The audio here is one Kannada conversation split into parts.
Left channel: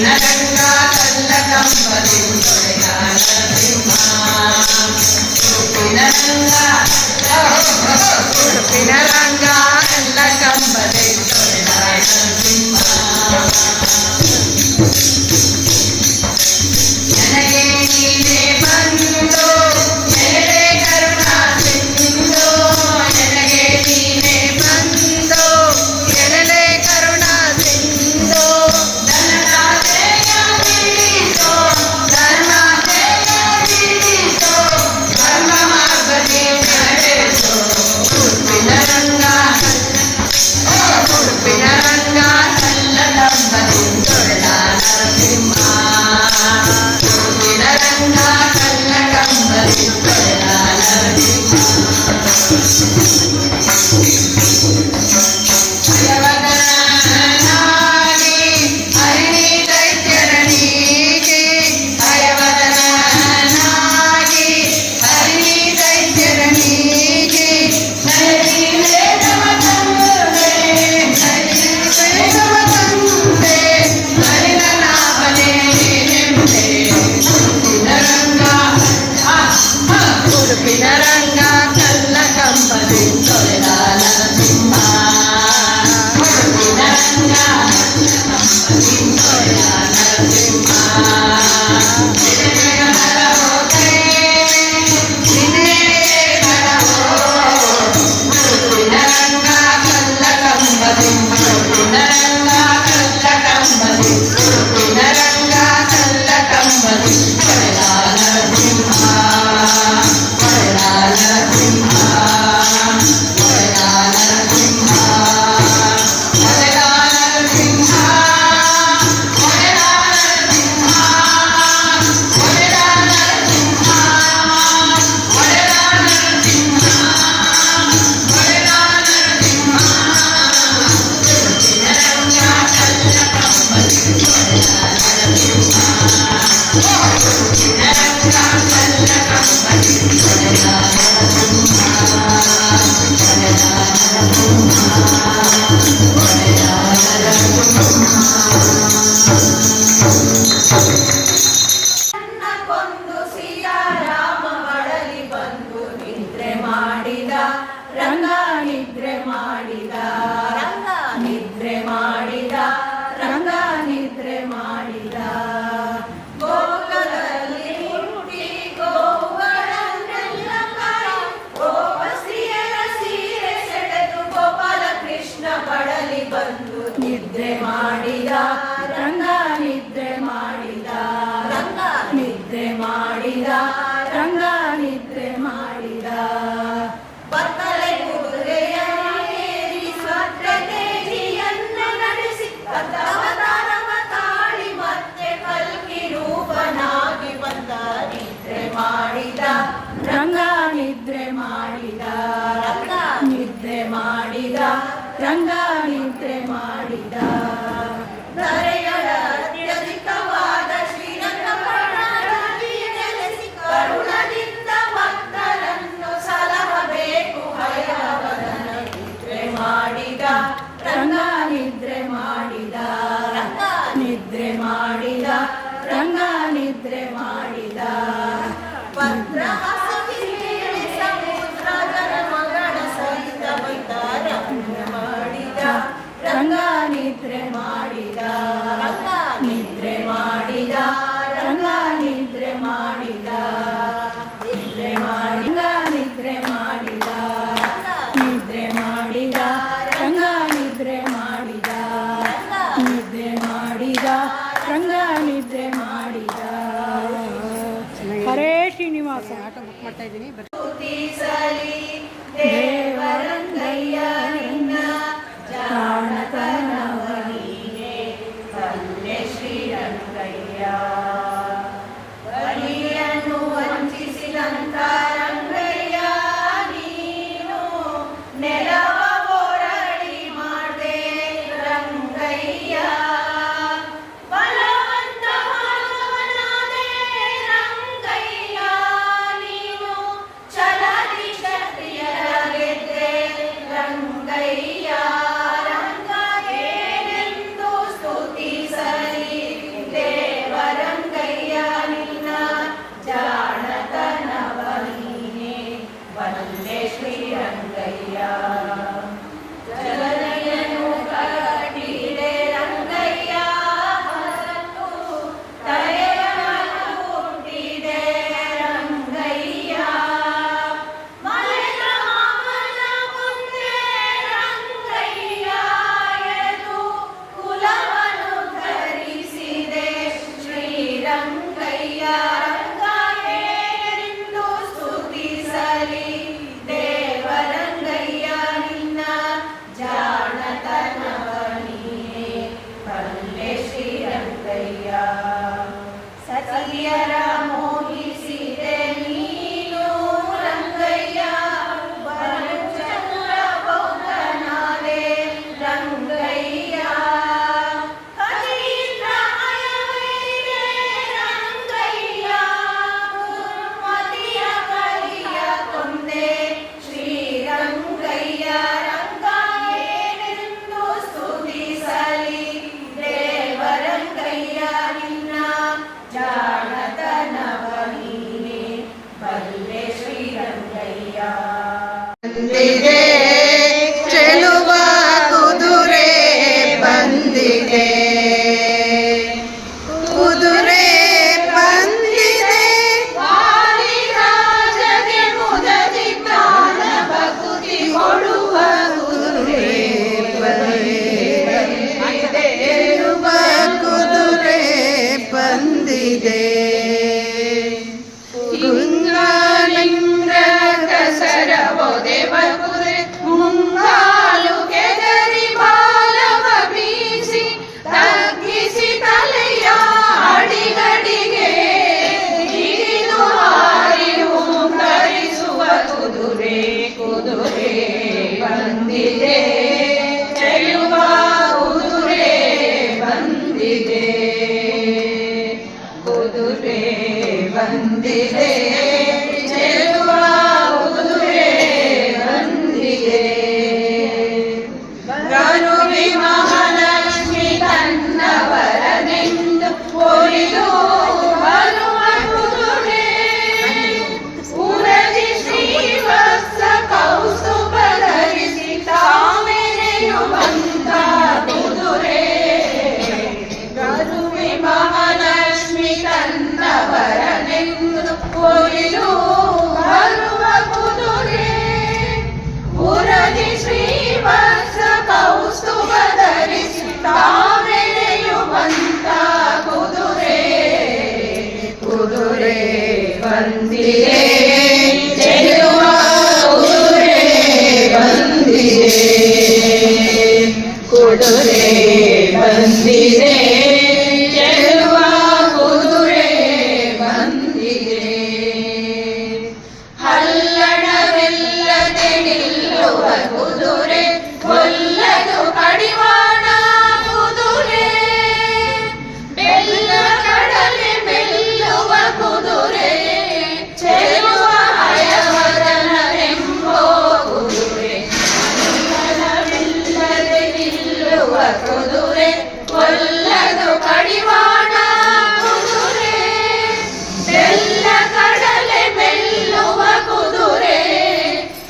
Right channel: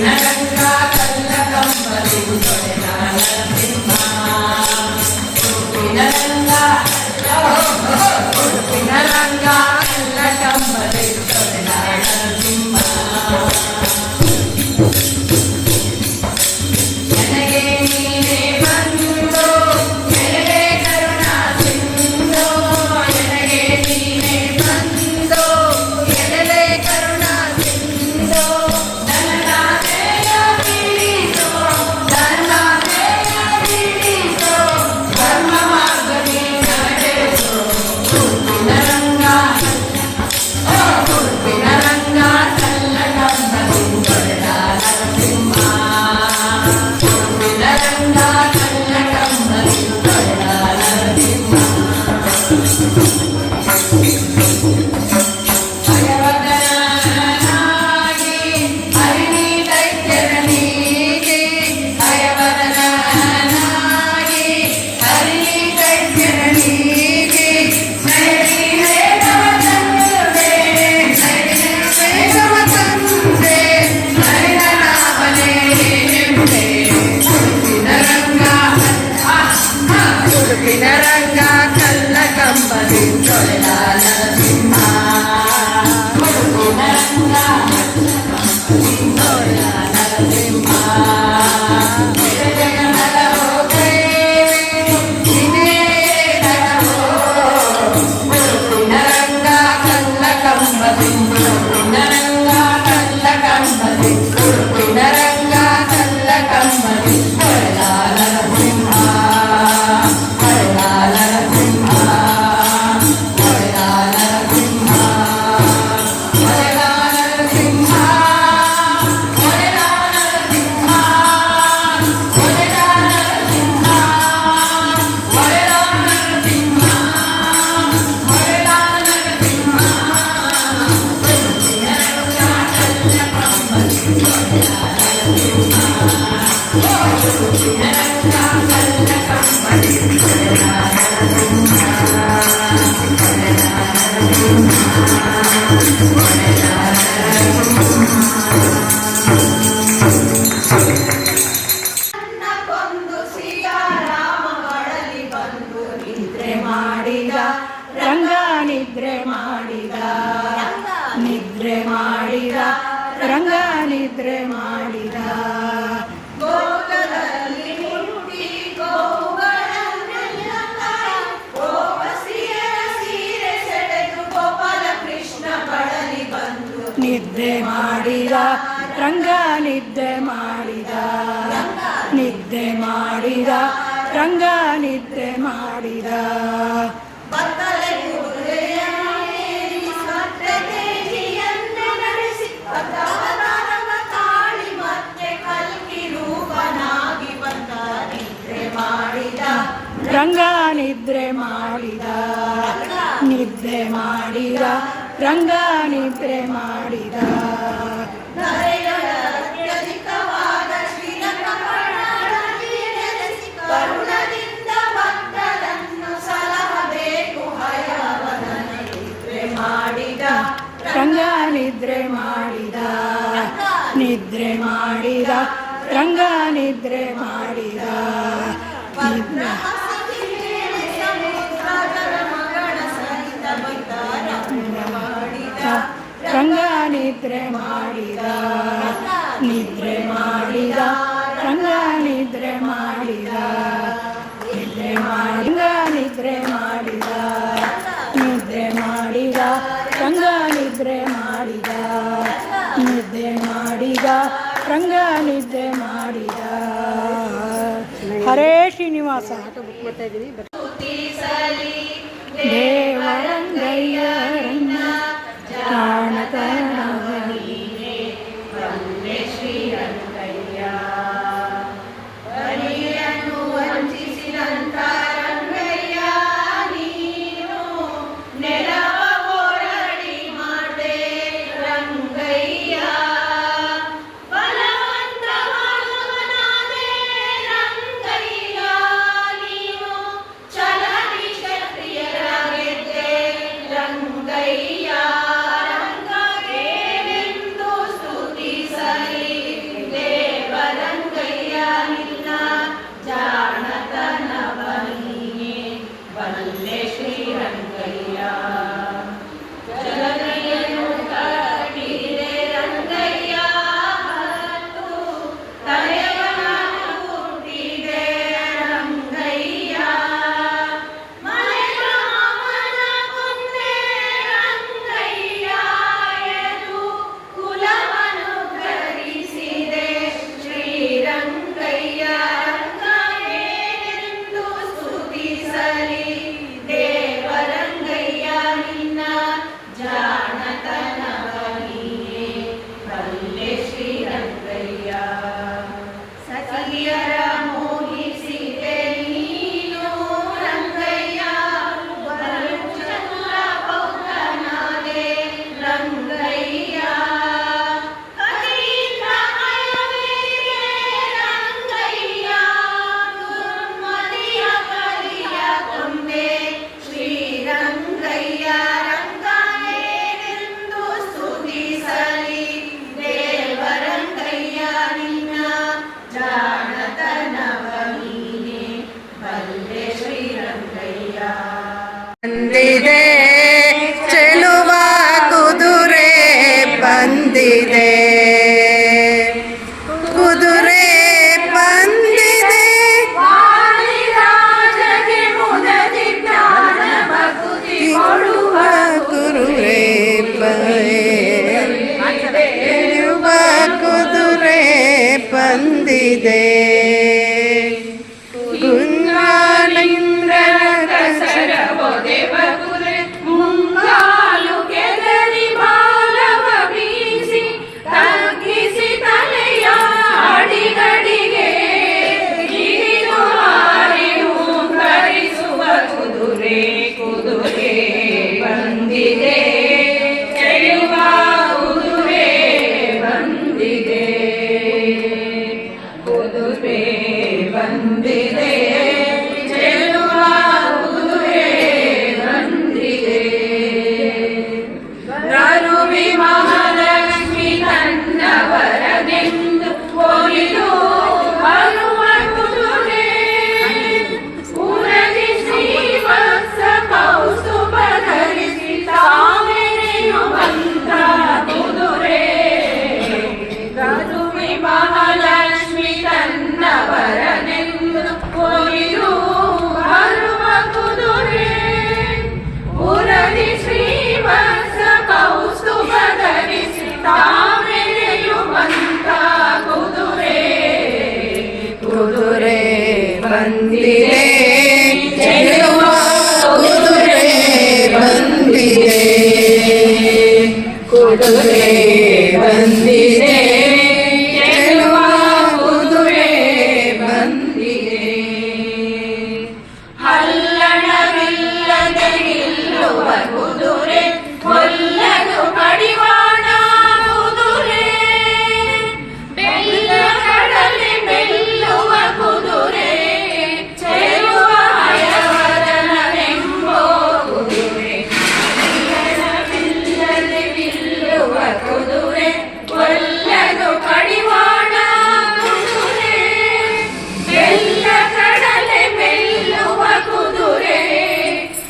ರಂಗ ಕಲ್ಲ ಕಂಬದಿ ತೊಡೆದ ನರಸಿಂಹ ಉಡುಪಿನ ರಂಗ ಎಲ್ಲ ಕಂಬದಿ ತೊಡೆದ ನರಸಿಂಹ ನನಗೆ ನೀನೇ ಬಂದು ನೆರಳೆ ಕರುಣಾ ಸಿಂಧು ನನಗೆ ನೀನೇ ಬಂದು ನೆರಳೆ ಕರುಣಾ ಸಿಂಧು ಧನರಾಜೆಯ ತಿಳಿಸೋ ಧರ್ಮಾಜೆಯ ತಿಳಿಸೋ ಧರ್ಮ ಮಾರ್ಗದಿ ನಡೆಸೋ ಉಡುಪಿನ ರಂಗ ಕಲ್ಲ ಕಂಬದಿ ತೊಡೆದ ನರಸಿಂಹ ಉಡುಪಿನ ರಂಗ ಕಲ್ಲ ಕಂಬದಿ ತೊಡೆದ ನರಸಿಂಹ ಉಡುಪಿನ ರಂಗ ಕಲ್ಲ ಕಂಬದಿ ತೊಡೆದ ನರಸಿಂಹ ಉಡುಪಿನ ರಂಗ ಕಲ್ಲ ಕಂಬದಿ ಉಡುಪಿನ ರಂಗ ಕಲ್ಲ ಕಂಬದಿ ಉಡುಪಿನ ರಂಗ ಕಲ್ಲ ಕಂಬದಿ ತೊಡೆದ ನರಸಿಂಹ ರಂಗ ನಿದ್ರೆ ಮಾಡಿದ ನಿದ್ರೆ ಮಾಡಿದ ರಂಗ ನಿದ್ರೆ ಮಾಡಿದ ಗೋಕುಲದಲ್ಲಿ ಹುಟ್ಟಿ ಗೋವುಗಳನ್ನೆಲ್ಲ ಕಾಯಿ ಗೋಪಸ್ತ್ರೀಯರ ಸೀರೆ ಸೆಳೆದು ಗೋಪಾಲ ಕೃಷ್ಣ ಬಡಲಿ ಬಂದು ನಿದ್ರೆ ಮಾಡಿದ ರಂಗ ನಿದ್ರೆ ಮಾಡಿದ ನಿದ್ರೆ ಮಾಡಿದ ರಂಗ ನಿದ್ರೆ ಮಾಡಿದ ಬತ್ತಲೆ ಕುದುರೆಯನ್ನೇರಿ ಸತ್ಯತೇಜಿಯನ್ನು ನಡೆಸಿ ಅವತಾರವ ತಾಳಿ ಮತ್ತೆ ಕಲ್ಕಿ ರೂಪನಾಗಿ ಬಂದ ನಿದ್ರೆ ಮಾಡಿದ ರಂಗ ನಿದ್ರೆ ಮಾಡಿದ ನಿದ್ರೆ ಮಾಡಿದ ರಂಗ ನಿದ್ರೆ ಮಾಡಿದ ಧರೆಗಳ ಅತ್ಯಧಿಕವಾದ ಶ್ರೀರಂಗಪಟ್ಟಣದಲ್ಲಿ ನೆಲೆಸಿ ಕರುಣದಿಂದ ಭಕ್ತರನ್ನು ಸಲಹಬೇಕು ಹಯವದನ ನಿದ್ರೆ ಮಾಡಿದ ರಂಗ ನಿದ್ರೆ ಮಾಡಿದ ನಿದ್ರೆ ಮಾಡಿದ ರಂಗ ನಿದ್ರೆ ಮಾಡಿದ ಸಮುದ್ರದ ಮಗಳ ಸಹಿತ ಮಾಡಿದ ರಂಗ ನಿದ್ರೆ ಮಾಡಿದ ನಿದ್ರೆ ಮಾಡಿದ ರಂಗ ನಿದ್ರೆ ಮಾಡಿದ ನಿದ್ರೆ ಮಾಡಿದ ನಿದ್ರೆ ಮಾಡಿದ ನಿದ್ರೆ ಮಾಡಿದ ರಂಗ ನಿದ್ರೆ ಮಾಡಿದ ನಿದ್ರೆ ಮಾಡಿದ ರಂಗ ನಿದ್ರೆ ಮಾಡಿದ ಹರೇ ಶ್ರೀನಿವಾಸ ದೇವರಂಗಯ್ಯ ರಂಗ ಜಾಣಕನವನಿಗೆ ಪಲ್ಲೆ ಶ್ರೀರಂಗಯ್ಯ ಬಲಿಯನ್ನು ವಂಚಿಸಿದಂತ ರಂಗಯ್ಯ ನೀನು ನೆಲವ ಹೋರಾಡಿ ಮಾಡ್ದೆ ರಂಗಯ್ಯ ಬಲವಂತ ಮಾಡುವನಾದೆ ರಂಗಯ್ಯ ನೀನು ಛಲದಿ ಕ್ಷತ್ರಿಯರ ಗೆದ್ದೆ ರಂಗಯ್ಯ ರಂಗಯ್ಯನೆಂದು ಸ್ತುತಿಸಲಿ ಸಖಿಯರ ಮೋಹಿಸಿದೆ ನೀನು ರಂಗಯ್ಯ ಬರುಚಲ್ಲ ಬೌದ್ಧನಾದೆ ರಂಗಯ್ಯ ಕಲಿಯಿಂದ ಮಯವೇದೆ ರಂಗಯ್ಯ ದುರ್ಮತಿಯ ಕಲಿಯ ಕೊಂದೆ ಶ್ರೀರಂಗಯ್ಯ ರಂಗನೇನೆಂದು ಸ್ತುತಿಸಲಿ ದೇವರಂಗಯ್ಯ ನಿನ್ನ ಜಾಣತನವ ನೀನೆ ಬಲ್ಲೆ ಶ್ರೀರಂಗಯ್ಯ ಬಂದಿದೆ ಚೆಲುವ ಕುದುರೆ ಬಂದಿದೆ ಕುದುರೆ ಬಂದಿದೆ ವಾಲಿರಾಜಗೆ ಮುದದಿ ಜ್ಞಾನ ಭಕ್ತಿ ಕೊಡುವ ಕುದುರೆ ಚೆಲುವ ಕುದುರೆ ಬಂದಿದೆ ಗುಂಗಾಲಿಂಗ ಕಸರ ಒದೆವ ಕುದುರೆ ಮುಂಗಾಲು ಕೆದರಿ ಬಾಲವ ಬೀಸಿ ತಗ್ಗಿಸಿ ತಲೆಯ ಅಡಿಗಡಿಗೆ ಹಿಡಿದು ಹಾರಿ ಹುಂಕರಿಸುವ ಕುದುರೆ ಕುದುರೆ ಬಂದಿದೆ ಚೆಲುವ ಕುದುರೆ ಬಂದಿದೆ ಕುದುರೆ ಬಂದಿದೆ ಚೆಲುವ ಕುದುರೆ ಬಂದಿದೆ ಗರುವಿ ಮಹಾಲಕ್ಷ್ಮಿ ತನ್ನವರನೆಂದು ಒಲಿದು ಬರುವ ಕುದುರೆ ಉರಗಿ ಶ್ರೀವತ್ಸ ಕೌಸ್ತುಭ ಧರಿಸಿ ತಾಮೆರೆಯುವಂತ ಕುದುರೆ ಗರುವಿ ಮಹಾಲಕ್ಷ್ಮಿ ತನ್ನವರನೆಂದು ಒಲಿದು ಬರುವ ಕುದುರೆ ಉರಗಿ ಶ್ರೀವತ್ಸ ಕೌಸ್ತುಭ ಧರಿಸಿ ತಾಮೆರೆಯುವಂತ ಕುದುರೆ ಕುದುರೆ ಬಂದಿದೆ ಚೆಲುವ ಕುದುರೆ ಬಂದಿದೆ ಕುದುರೆ ಬಂದಿದೆ ಚೆಲುವ ಕುದುರೆ ಬಂದಿದೆ ಹಲ್ಲಣವಿಲ್ಲದೆ ನಿಲ್ಲುವ ಕುದುರೆ ಕೊಲ್ಲದು ಕಡಿವಾಣ ಕುದುರೆ ಬೆಲ್ಲ ಕಡಲೆ ಮೆಲ್ಲುವ ಕುದುರೆ ಚೆಲುವ ಹಯವರನೆಂಬೋ ಕುದುರೆ ಹಲ್ಲಣವಿಲ್ಲದೆ ನಿಲ್ಲುವ ಕುದುರೆ ಕೊಲ್ಲದು ಕಡಿವಾಣ ಕುದುರೆ ಬೆಲ್ಲ ಕಡಲೆ ಮೆಲ್ಲುವ ಕುದುರೆ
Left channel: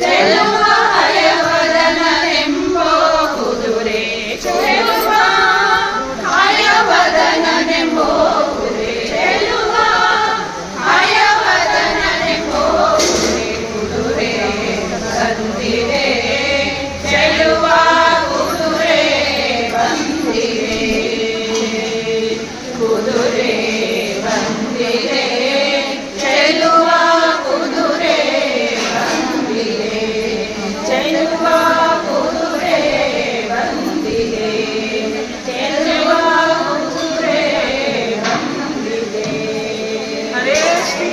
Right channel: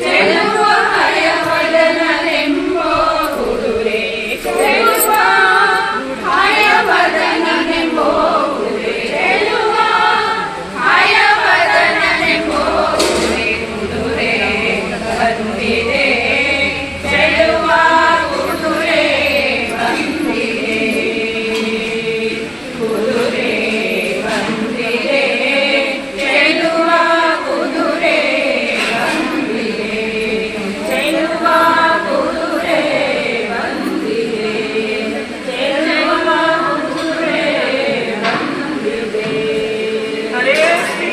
ಚೆಲುವ ಹಯವದನನೆಂಬೋ ಕುದುರೆ ಚೆಲುವ ಹಯವದನನೆಂಬೋ ಕುದುರೆ ಚೆಲುವ ಹಯವದನನೆಂಬೋ ಕುದುರೆ ಕುದುರೆ ಬಂದಿದೆ ಚೆಲುವ ಕುದುರೆ ಬಂದಿದೆ ಕುದುರೆ ಬಂದಿದೆ ಚೆಲುವ ಕುದುರೆ ಬಂದಿದೆ ಚೆಲುವ ಕುದುರೆ ಬಂದಿದೆ ಚೆಲುವ ಕುದುರೆ ಬಂದಿದೆ ಹರೇ ಶ್ರೀ